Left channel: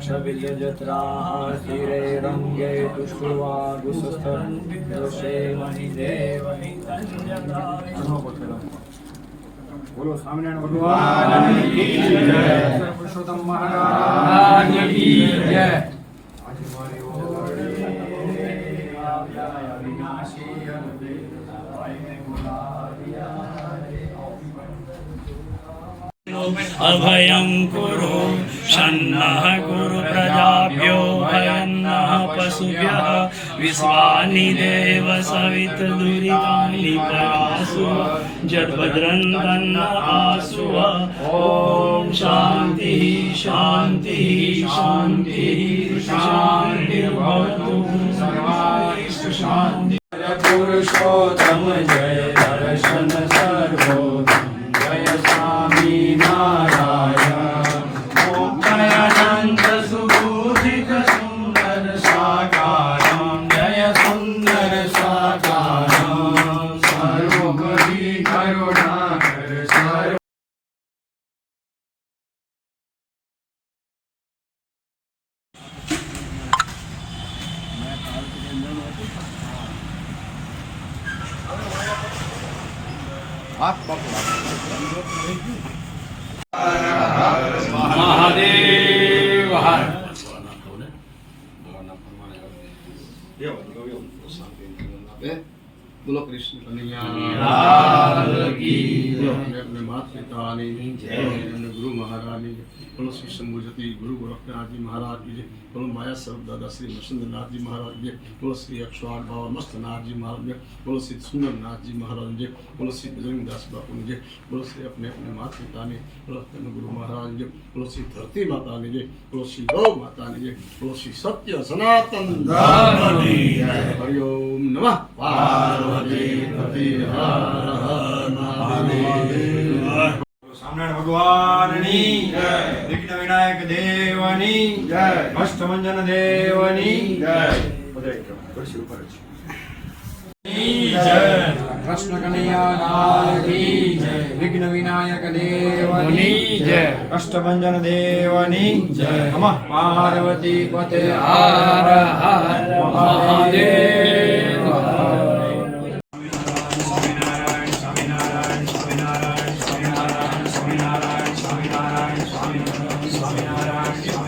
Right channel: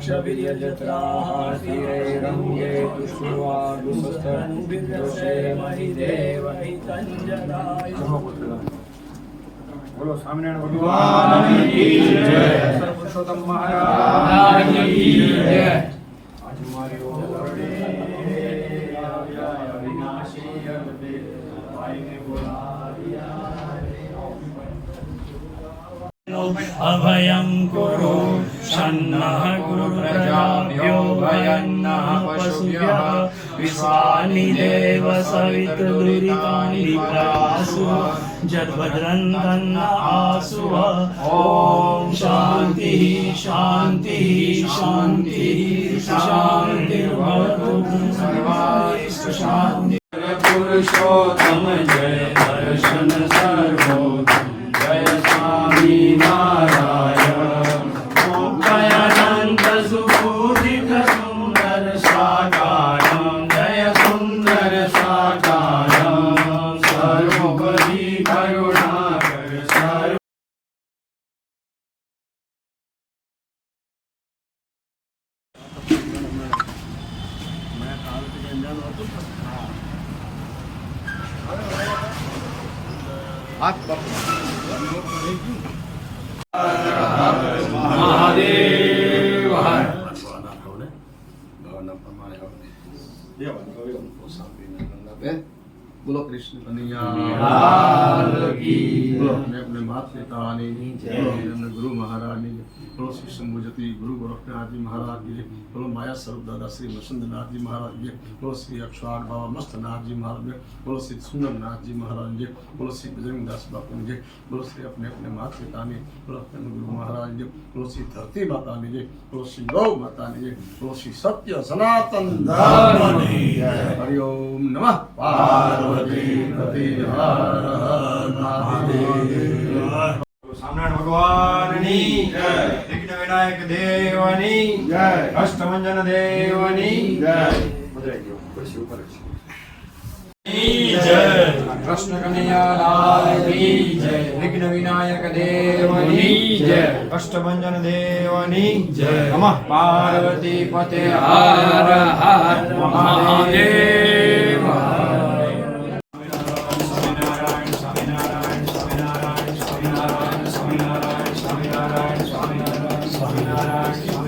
रुद्राक्षविजत्राः स्थिरैरङ्गे पुष्पवागुसुस्तन्दोषे महिदेवहितञ्जनाय બોલો સ્વામિનારાયણ ભગવાન કી જય પુરુષોત્તમ મહારાજ કી જય. આજે મારે ઓમ કરડે આવ્યા અવિનાશી અનબે ભાઈને બોલાવ્યા अभयं कुरु शन्नः गुरुप्रजाभ्यो भयन्नः पशुभ्यः, विश्वानि देव सवित दुरितानि परासु जद्भद्रं तन्न आसु। ॐ शान्तिः शान्तिः शान्तिः, शान्तिर्भवतु। सर्वाय सुशान्ति। पुरुषोत्तम સાકારમ સર્વોપરી Yeah, ikaw yun. Sabi na lang natin. Bulo Krishna. Ano niya? हम्म। अपने अपने पिता आने अपने अपने गुरु गुरु गोरखनाथ जी महाराज माया स्वरूप दादा श्री जी महाराज जी श्री बाबा जी महाराज जी श्री जी महाराज जी श्री बजरंग दास बापू जी श्री अपने अपने पिता ने अपने गुरु महाराज जी श्री धरती माता ने जी बोलो श्री गौ माता ने जी श्री सत्य सनातन हरिओम नमः। पार्वती हर हर महादेव। વિઘ્ન વિનાયક દેવની જય. અષ્ટમંજન દેવની જય. કૃષ્ણ કનૈયા કી જય. વિઘ્ન વિનાયક દેવની જય. અષ્ટભંજન દેવની જય. નમઃ. પાર્વતી પતે. હર હર મહાદેવ. Thank you.